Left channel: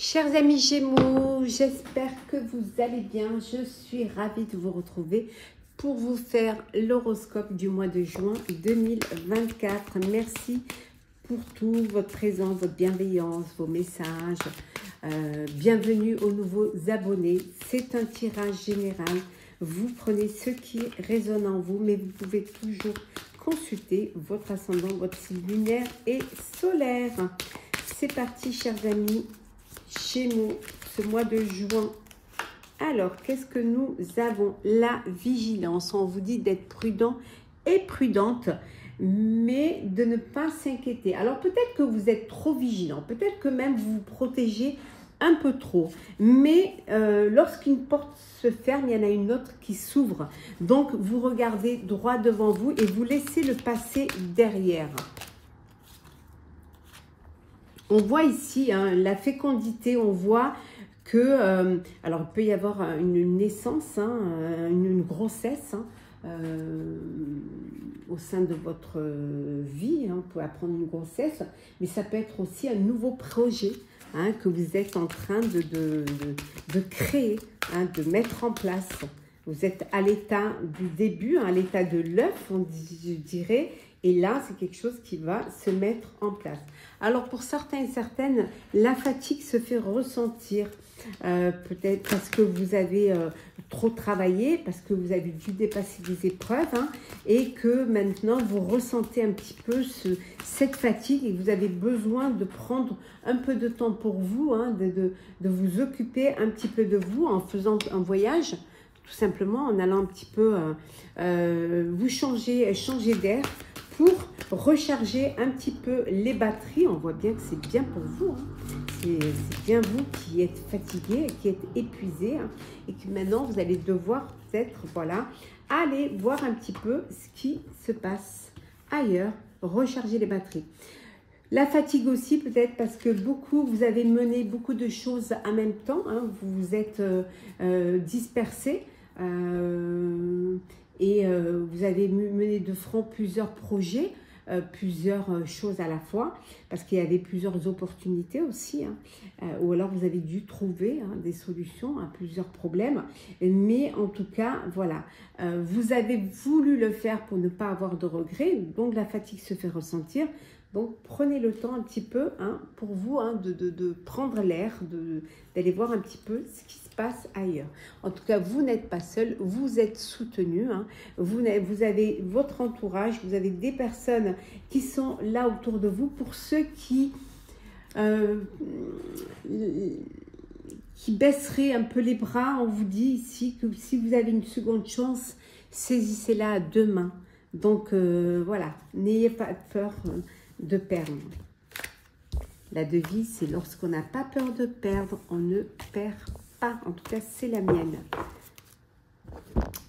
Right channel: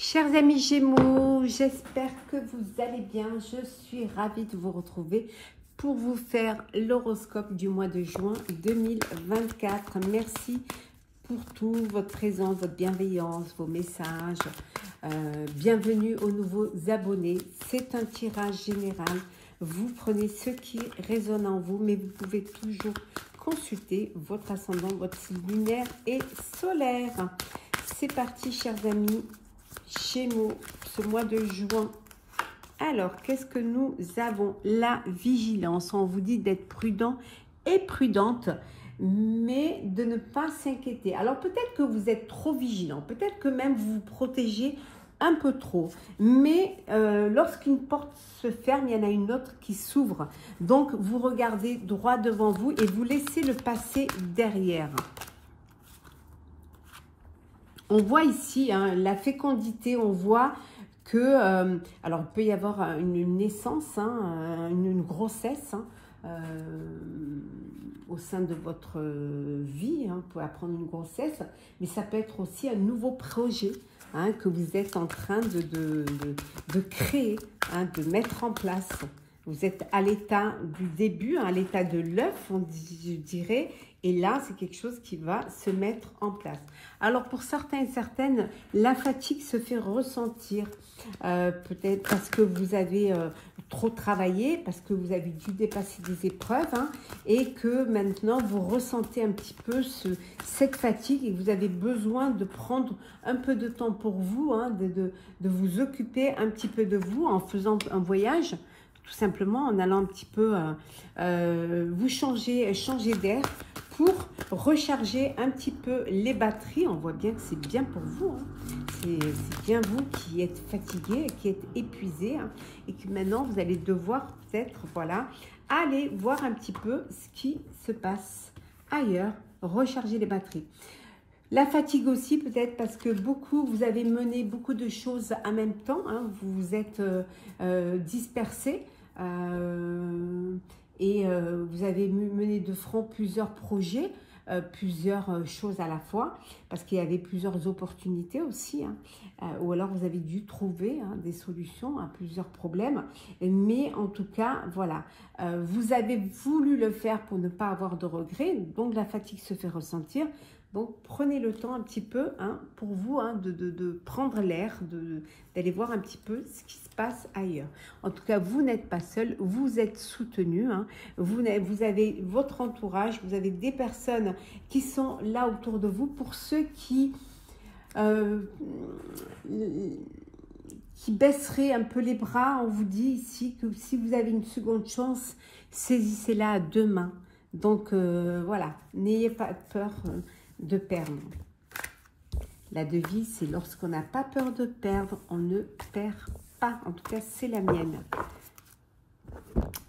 Chers amis Gémeaux, j'espère que vous allez bien. Je suis ravie de vous retrouver pour vous faire l'horoscope du mois de juin 2024. Merci pour tout, votre présence, votre bienveillance, vos messages. Bienvenue aux nouveaux abonnés. C'est un tirage général. Vous prenez ce qui résonne en vous, mais vous pouvez toujours consulter votre ascendant, votre signe lunaire et solaire. C'est parti, chers amis Gémeaux, ce mois de juin. Alors, qu'est-ce que nous avons? La vigilance. On vous dit d'être prudent et prudente, mais de ne pas s'inquiéter. Alors, peut-être que vous êtes trop vigilant, peut-être que même vous vous protégez un peu trop. Mais lorsqu'une porte se ferme, il y en a une autre qui s'ouvre. Donc, vous regardez droit devant vous et vous laissez le passé derrière. On voit ici la fécondité, on voit que, alors il peut y avoir une naissance, une grossesse au sein de votre vie, vous pouvez apprendre une grossesse, mais ça peut être aussi un nouveau projet que vous êtes en train de créer, de mettre en place. Vous êtes à l'état du début, à l'état de l'œuf, je dirais, et là, c'est quelque chose qui va se mettre en place. Alors, pour certains et certaines, la fatigue se fait ressentir, peut-être parce que vous avez trop travaillé, parce que vous avez dû dépasser des épreuves, et que maintenant, vous ressentez un petit peu cette fatigue et que vous avez besoin de prendre un peu de temps pour vous, de vous occuper un petit peu de vous en faisant un voyage, tout simplement en allant un petit peu vous changer d'air pour recharger un petit peu les batteries. On voit bien que c'est bien pour vous. C'est bien vous qui êtes fatigué, qui êtes épuisé et que maintenant vous allez devoir peut-être, voilà, aller voir un petit peu ce qui se passe ailleurs, recharger les batteries. La fatigue aussi peut-être parce que vous avez mené beaucoup de choses en même temps, vous vous êtes dispersé et vous avez mené de front plusieurs projets, plusieurs choses à la fois, parce qu'il y avait plusieurs opportunités aussi, ou alors vous avez dû trouver des solutions à plusieurs problèmes, mais en tout cas, voilà, vous avez voulu le faire pour ne pas avoir de regrets, donc la fatigue se fait ressentir. Donc, prenez le temps un petit peu pour vous de prendre l'air, d'aller voir un petit peu ce qui se passe ailleurs. En tout cas, vous n'êtes pas seul, vous êtes soutenu. Vous avez votre entourage, vous avez des personnes qui sont là autour de vous. Pour ceux qui baisseraient un peu les bras, on vous dit ici que si vous avez une seconde chance, saisissez-la demain. Donc, voilà, n'ayez pas peur de perdre. La devise, c'est lorsqu'on n'a pas peur de perdre, on ne perd pas. En tout cas, c'est la mienne.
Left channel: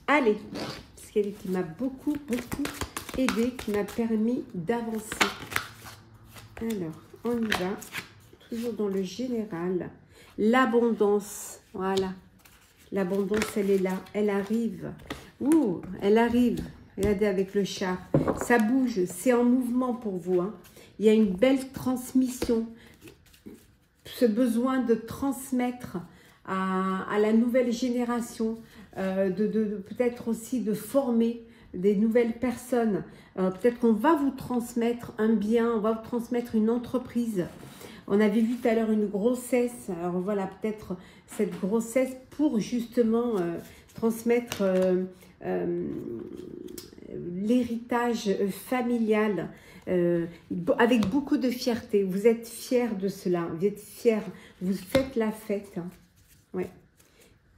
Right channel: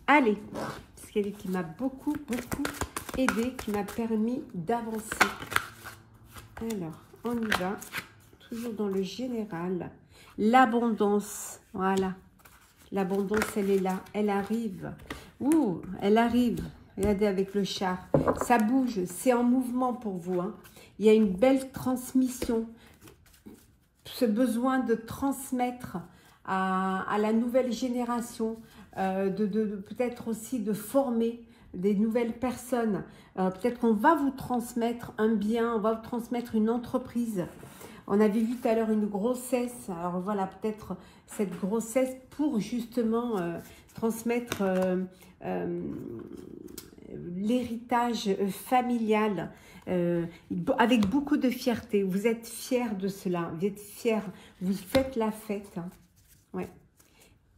Allez, c'est elle qui m'a beaucoup aidé, qui m'a permis d'avancer. Alors, on y va. Toujours dans le général. L'abondance, voilà. L'abondance, elle est là, elle arrive. Ouh, elle arrive. Regardez avec le char, ça bouge, c'est en mouvement pour vous. Il y a une belle transmission, ce besoin de transmettre à la nouvelle génération, peut-être aussi de former des nouvelles personnes. Peut-être qu'on va vous transmettre un bien, on va vous transmettre une entreprise. On avait vu tout à l'heure une grossesse, alors voilà, peut-être cette grossesse pour justement transmettre l'héritage familial avec beaucoup de fierté. Vous êtes fiers de cela, vous êtes fiers, vous faites la fête. Ouais.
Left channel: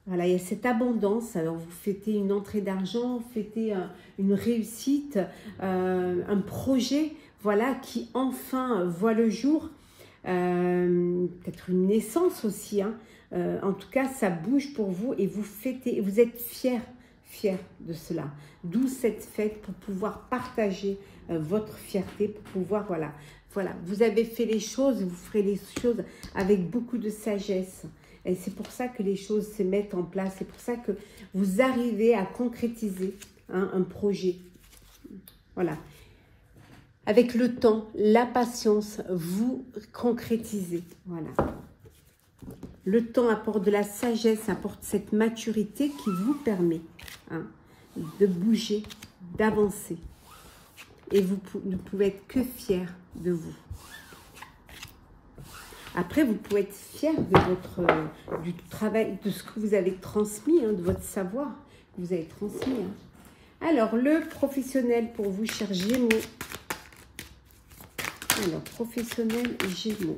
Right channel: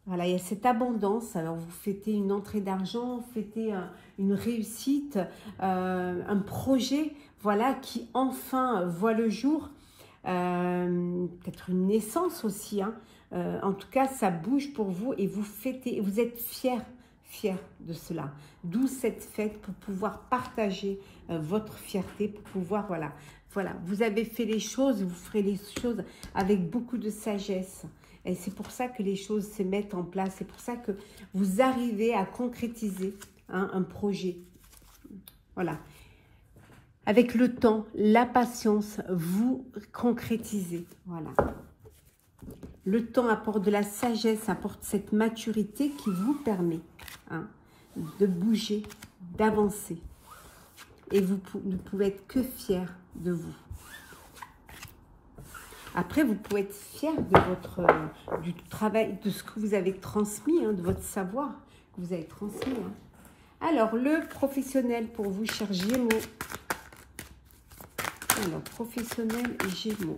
Voilà, il y a cette abondance. Alors vous fêtez une entrée d'argent, vous fêtez une réussite, un projet, voilà, qui enfin voit le jour. Peut-être une naissance aussi. En tout cas, ça bouge pour vous et vous fêtez, vous êtes fiers de cela. D'où cette fête pour pouvoir partager votre fierté, pour pouvoir, voilà, vous avez fait les choses, vous ferez les choses avec beaucoup de sagesse. Et c'est pour ça que les choses se mettent en place, c'est pour ça que vous arrivez à concrétiser un projet. Voilà. Avec le temps, la patience, vous concrétisez. Voilà. Le temps apporte de la sagesse, apporte cette maturité qui vous permet de bouger, d'avancer. Et vous ne pouvez être que fier de vous. Après, vous pouvez être fier de du travail, de ce que vous avez transmis, de votre savoir que vous avez transmis. Alors, le professionnel pour vous, chers Gémeaux. Alors, professionnel Gémeaux.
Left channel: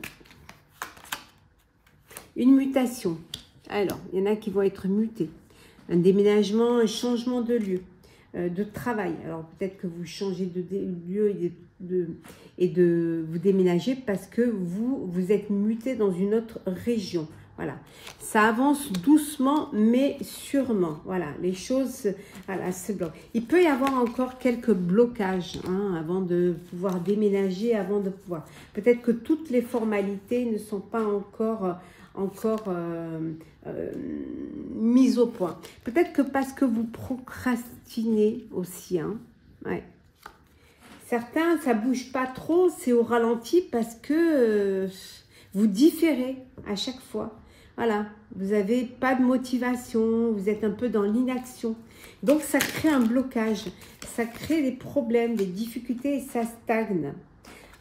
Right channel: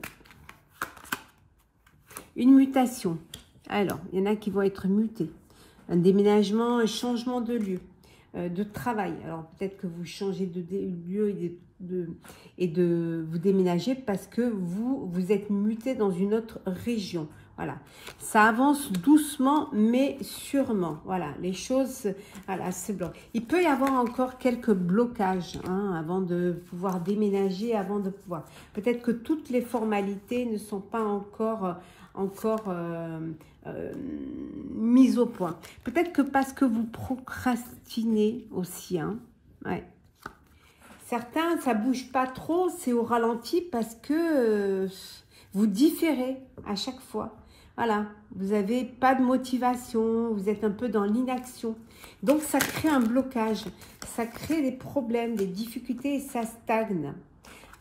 Une mutation. Alors, il y en a qui vont être mutés. Un déménagement, un changement de lieu, de travail. Alors, peut-être que vous changez de lieu et de vous déménager parce que vous êtes muté dans une autre région. Voilà. Ça avance doucement, mais sûrement. Voilà, les choses, voilà, c'est bloqué. Il peut y avoir encore quelques blocages avant de pouvoir déménager, avant de pouvoir. Peut-être que toutes les formalités ne sont pas encore mise au point. Peut-être que parce que vous procrastinez aussi. Ouais. Certains, ça bouge pas trop, c'est au ralenti parce que vous différez à chaque fois. Voilà, vous n'avez pas de motivation, vous êtes un peu dans l'inaction. Donc, ça crée un blocage, ça crée des problèmes, des difficultés et ça stagne.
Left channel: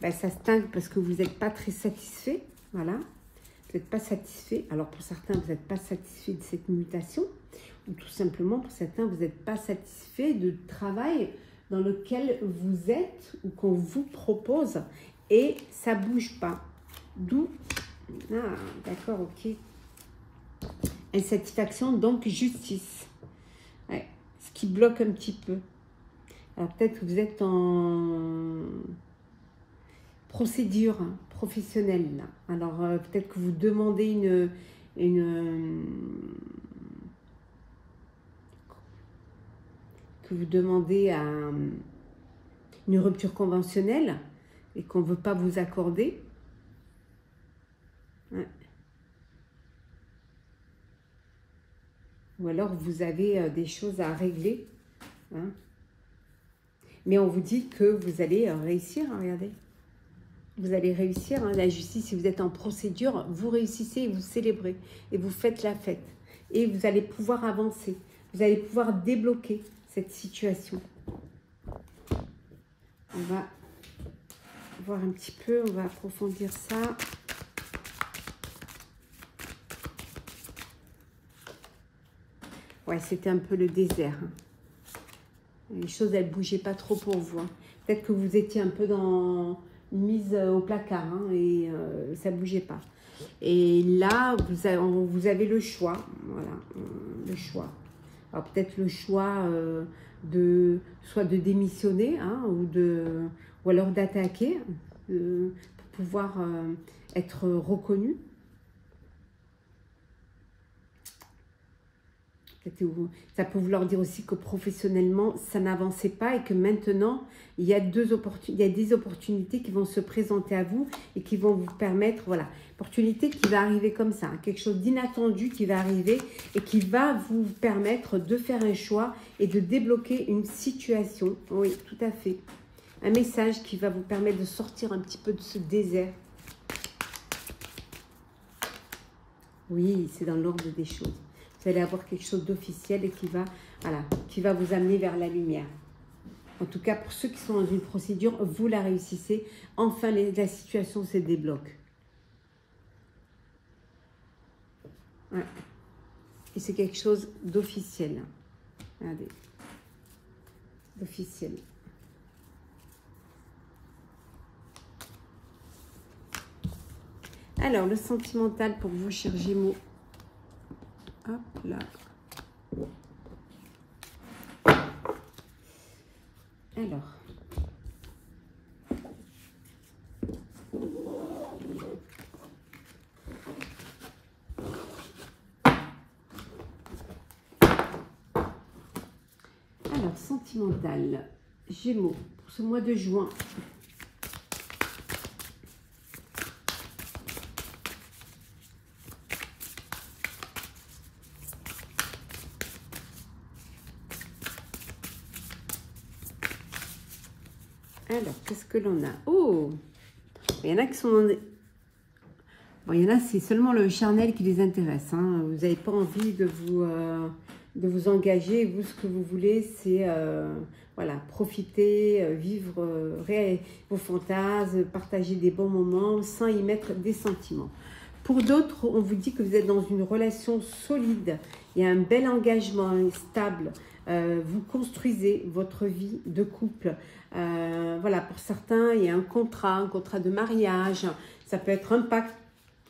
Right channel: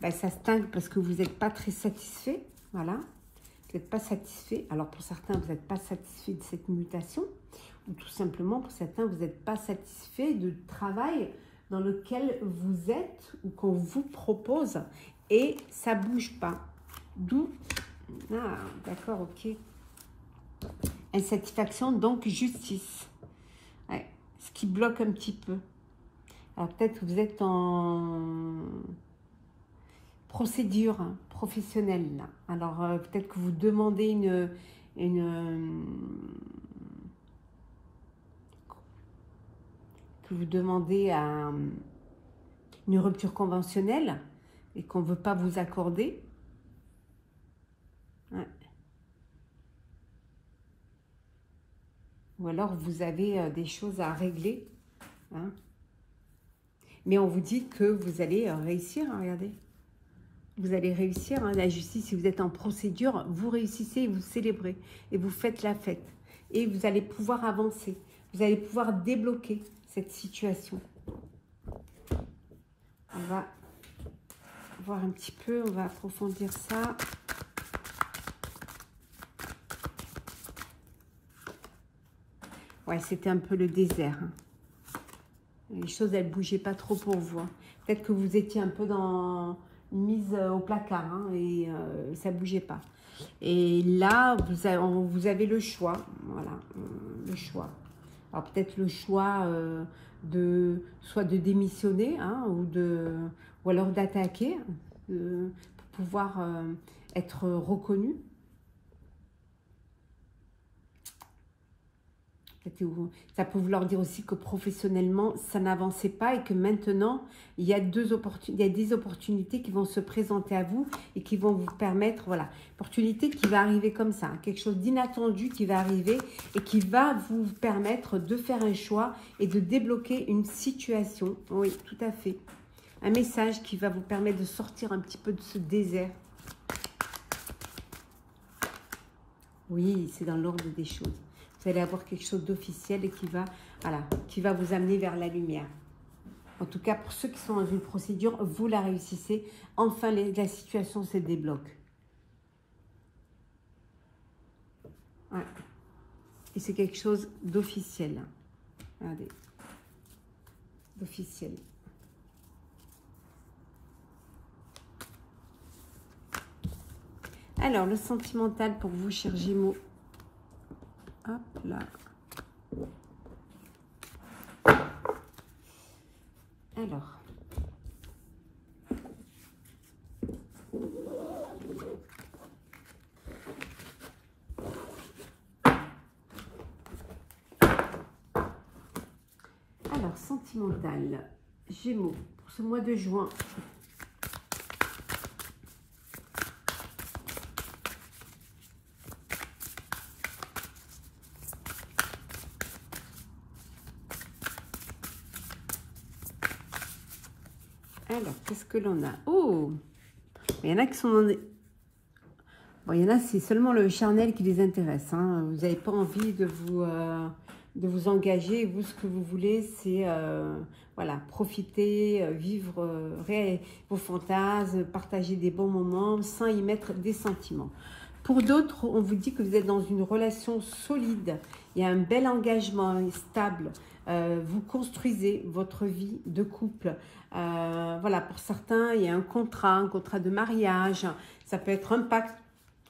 Ben, ça stagne parce que vous n'êtes pas très satisfait. Voilà. Vous n'êtes pas satisfait. Alors pour certains, vous n'êtes pas satisfait de cette mutation. Ou tout simplement, pour certains, vous n'êtes pas satisfait du travail dans lequel vous êtes ou qu'on vous propose. Et ça ne bouge pas. D'où, d'accord, ok. Insatisfaction, donc justice. Ouais, ce qui bloque un petit peu. Alors peut-être que vous êtes en procédure professionnelle. Là. Alors, peut-être que vous demandez une rupture conventionnelle et qu'on ne veut pas vous accorder. Ouais. Ou alors, vous avez des choses à régler. Mais on vous dit que vous allez réussir, regardez. Vous allez réussir, la justice, si vous êtes en procédure, vous réussissez et vous célébrez. Et vous faites la fête. Et vous allez pouvoir avancer. Vous allez pouvoir débloquer cette situation. On va voir un petit peu, on va approfondir ça. Ouais, c'était un peu le désert. Les choses, elles ne bougeaient pas trop pour vous. Peut-être que vous étiez un peu mise au placard et ça ne bougeait pas. Et là, vous avez le choix. Voilà, le choix. Alors peut-être le choix soit de démissionner ou alors d'attaquer pour pouvoir être reconnu. Ça peut vouloir dire aussi que professionnellement, ça n'avançait pas et que maintenant, il y a des opportunités qui vont se présenter à vous et qui vont vous permettre, voilà, opportunité qui va arriver comme ça, quelque chose d'inattendu qui va arriver et qui va vous permettre de faire un choix et de débloquer une situation. Oui, tout à fait. Un message qui va vous permettre de sortir un petit peu de ce désert. Oui, c'est dans l'ordre des choses. Vous allez avoir quelque chose d'officiel et qui va vous amener vers la lumière. En tout cas, pour ceux qui sont dans une procédure, vous la réussissez. Enfin, la situation se débloque. Ouais. Et c'est quelque chose d'officiel. Regardez. D'officiel. Alors, le sentimental pour vous, chers Gémeaux. Hop là. Alors. Alors, sentimental. Gémeaux, pour ce mois de juin. Alors, qu'est-ce que l'on a? Oh, il y en a qui sont dans des... Bon, Bon, il y en a, c'est seulement le charnel qui les intéresse. Hein. Vous n'avez pas envie de vous engager. Vous, ce que vous voulez, c'est voilà, profiter, vivre vos fantasmes, partager des bons moments sans y mettre des sentiments. Pour d'autres, on vous dit que vous êtes dans une relation solide. Il y a un bel engagement stable. Vous construisez votre vie de couple. Voilà, pour certains, il y a un contrat de mariage. Ça peut être un pacte.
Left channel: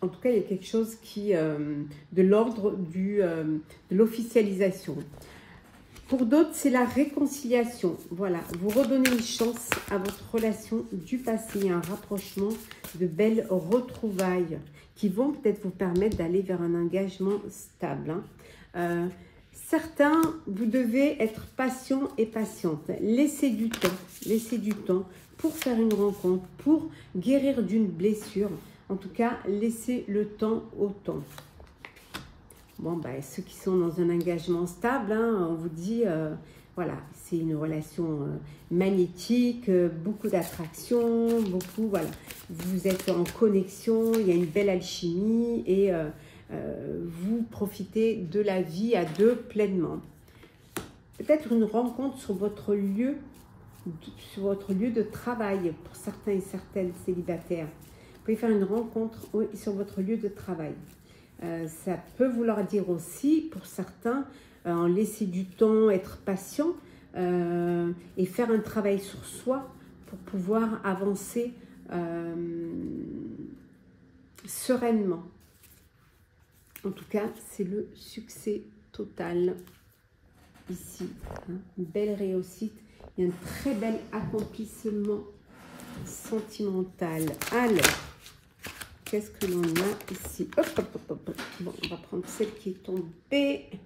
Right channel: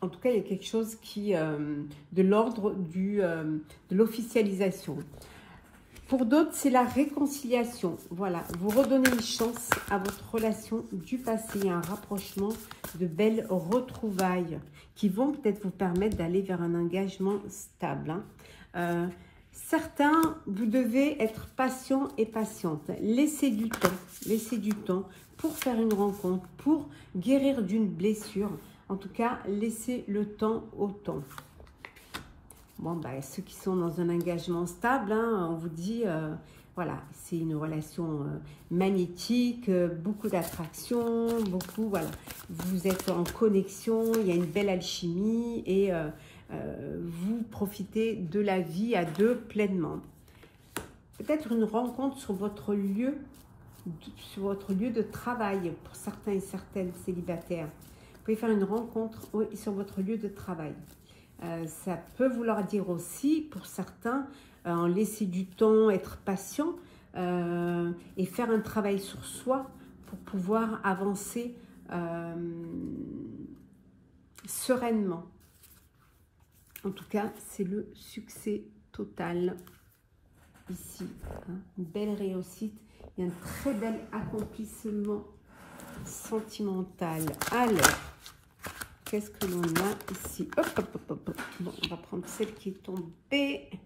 En tout cas, il y a quelque chose qui de l'ordre de l'officialisation. Pour d'autres, c'est la réconciliation. Voilà, vous redonnez une chance à votre relation du passé, un rapprochement, de belles retrouvailles qui vont peut-être vous permettre d'aller vers un engagement stable. Hein. Certains, vous devez être patient et patiente. Laissez du temps pour faire une rencontre, pour guérir d'une blessure. En tout cas, laissez le temps au temps. Bon, ben, ceux qui sont dans un engagement stable, hein, on vous dit, voilà, c'est une relation magnétique, beaucoup d'attraction, beaucoup, voilà. Vous êtes en connexion, il y a une belle alchimie et vous profitez de la vie à deux pleinement. Peut-être une rencontre sur votre lieu de travail pour certains et certaines célibataires. Vous pouvez faire une rencontre sur votre lieu de travail. Ça peut vouloir dire aussi, pour certains, en laisser du temps, être patient et faire un travail sur soi pour pouvoir avancer sereinement. En tout cas, c'est le succès total ici. Hein. Une belle réussite, il y a un très bel accomplissement sentimental. Alors, qu'est-ce que l'on a ici? Hop, hop, hop, hop. Bon, on va prendre celle qui est tombée.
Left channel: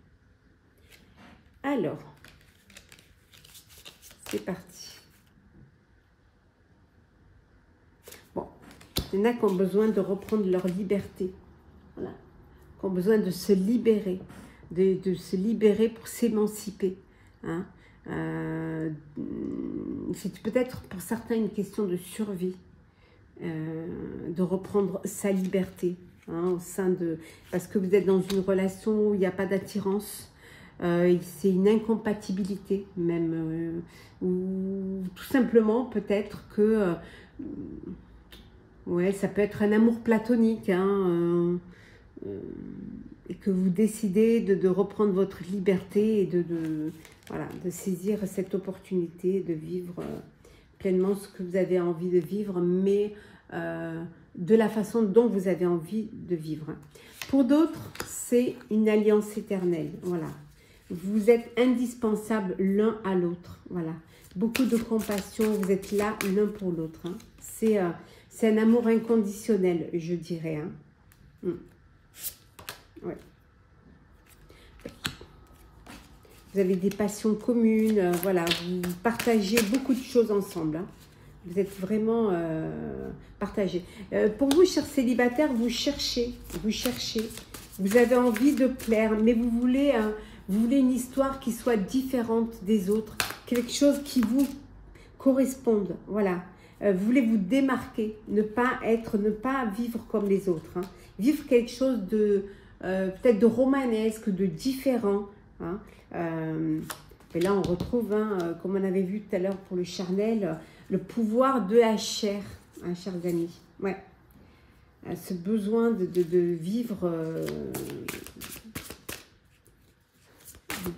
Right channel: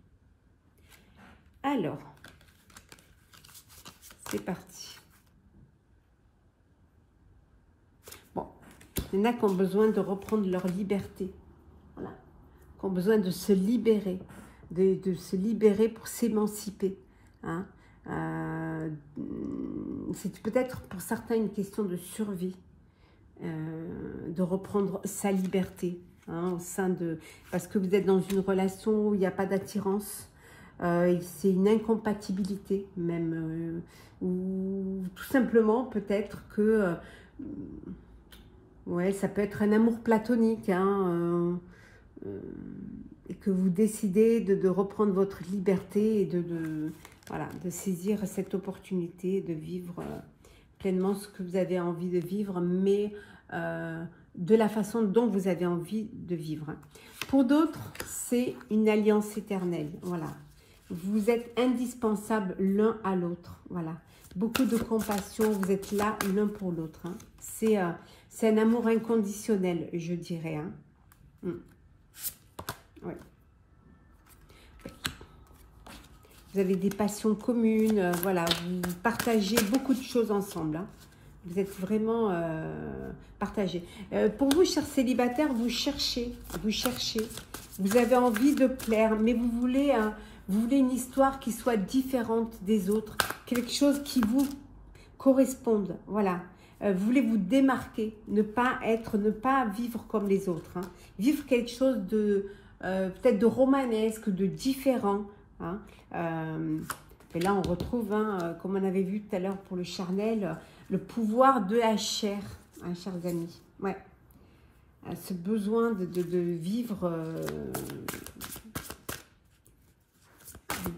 Alors, c'est parti. Bon, il y en a qui ont besoin de reprendre leur liberté. Voilà. Qui ont besoin de se libérer. De se libérer pour s'émanciper. Hein. C'est peut-être pour certains une question de survie. De reprendre sa liberté hein, au sein de... Parce que vous êtes dans une relation où il n'y a pas d'attirance, c'est une incompatibilité même, ou tout simplement peut-être que... ouais, ça peut être un amour platonique, hein, et que vous décidez de reprendre votre liberté et voilà, de saisir cette opportunité de vivre... pleinement ce que vous avez envie de vivre, mais de la façon dont vous avez envie de vivre. Pour d'autres, c'est une alliance éternelle. Voilà. Vous êtes indispensables l'un à l'autre. Voilà. Beaucoup de compassion, vous êtes là l'un pour l'autre. Hein. C'est un amour inconditionnel, je dirais. Hein. Ouais. Vous avez des passions communes, voilà, vous partagez beaucoup de choses ensemble. Hein. Vous êtes vraiment partagés. Pour vous, chers célibataires, vous cherchez. Vous avez envie de plaire, mais vous voulez une histoire qui soit différente des autres, quelque chose qui vous corresponde. Voilà. Vous voulez vous démarquer, ne pas vivre comme les autres. Hein. Vivre quelque chose de peut-être de romanesque, de différent. Hein. Et là, on retrouve, hein, comme on avait vu tout à l'heure pour le charnel, le pouvoir de la chair, hein, chers amis. Ouais. Ce besoin de vivre,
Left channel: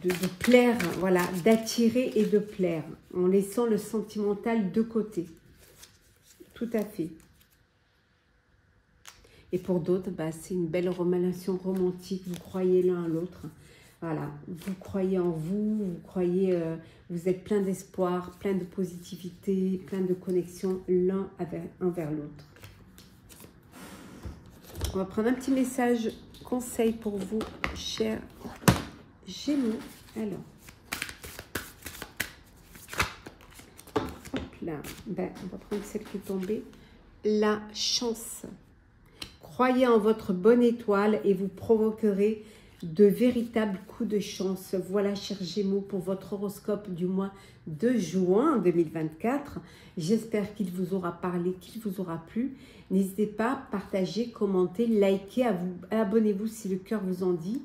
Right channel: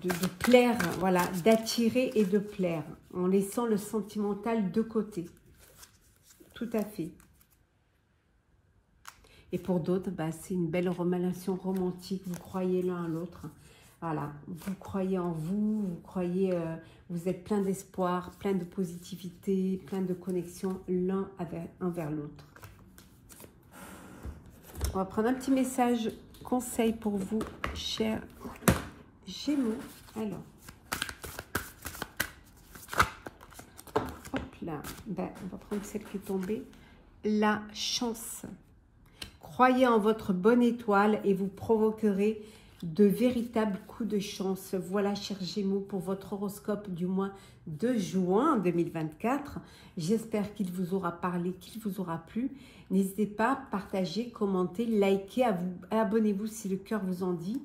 de plaire, voilà, d'attirer et de plaire, en laissant le sentimental de côté. Tout à fait. Et pour d'autres, bah, c'est une belle relation romantique, vous croyez l'un à l'autre. Voilà, vous croyez en vous, vous croyez, vous êtes plein d'espoir, plein de positivité, plein de connexion l'un envers l'autre. On va prendre un petit message conseil pour vous, chers Gémeaux. Alors, hop là, ben, on va prendre celle qui est tombée. La chance. Croyez en votre bonne étoile et vous provoquerez de véritables coups de chance. Voilà, chers Gémeaux, pour votre horoscope du mois de juin 2024. J'espère qu'il vous aura parlé, qu'il vous aura plu. N'hésitez pas à partager, commenter, liker, abonnez-vous si le cœur vous en dit.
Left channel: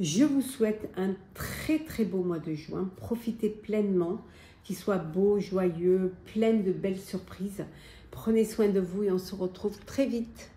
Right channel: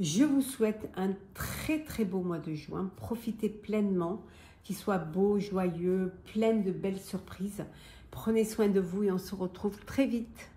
Je vous souhaite un très beau mois de juin. Profitez pleinement, qu'il soit beau, joyeux, plein de belles surprises. Prenez soin de vous et on se retrouve très vite.